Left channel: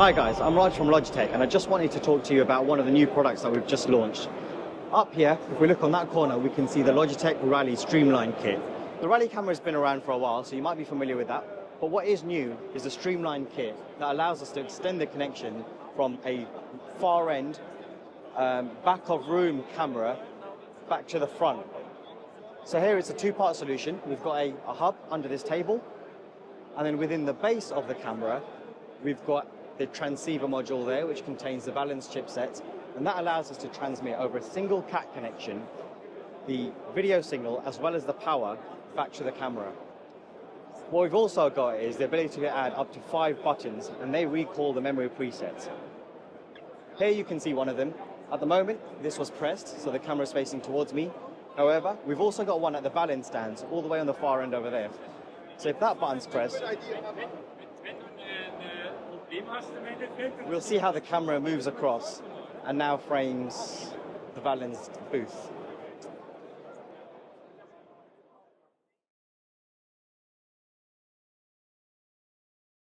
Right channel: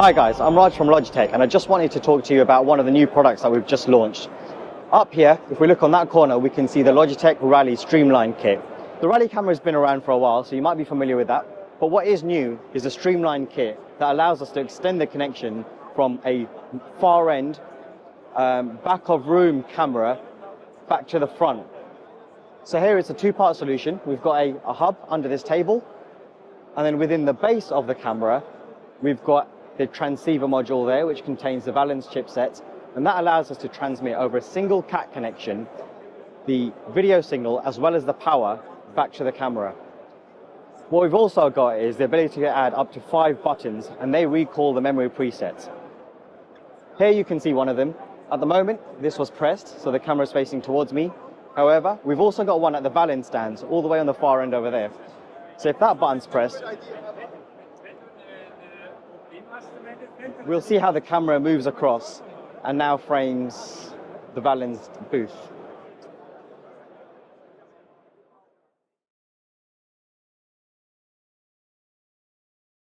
Hi guys, I'm Raj from Logitech and I just wanted to talk to you about one of the new products that we've just launched. Up here, if we look on that corner, we can see the Logitech Rally Streamline kit. The Rally camera has been around for a while, so you might be familiar with that. But what is new is the Streamline kit that allows us to extend the connection from a far end, back of room camera back to the front. So here it's a two-part solution. We've got a hub under this table, and then within the base of the camera, we've got the transceiver module there, which contains the Valence chipset, and that allows us to transmit over a single CAT connection the video signal as well as the power back to the camera. What we've also got is the ability to add up to 5 buttons, and they recall the memory presets. Here you can see one of them. At the moment, this was pressed, so the camera is facing towards me. However, we've also got one at the Valence stands, all the way on the far end over there. So if that button's pressed, we'll see how the camera moves across and now frames the Valence booth.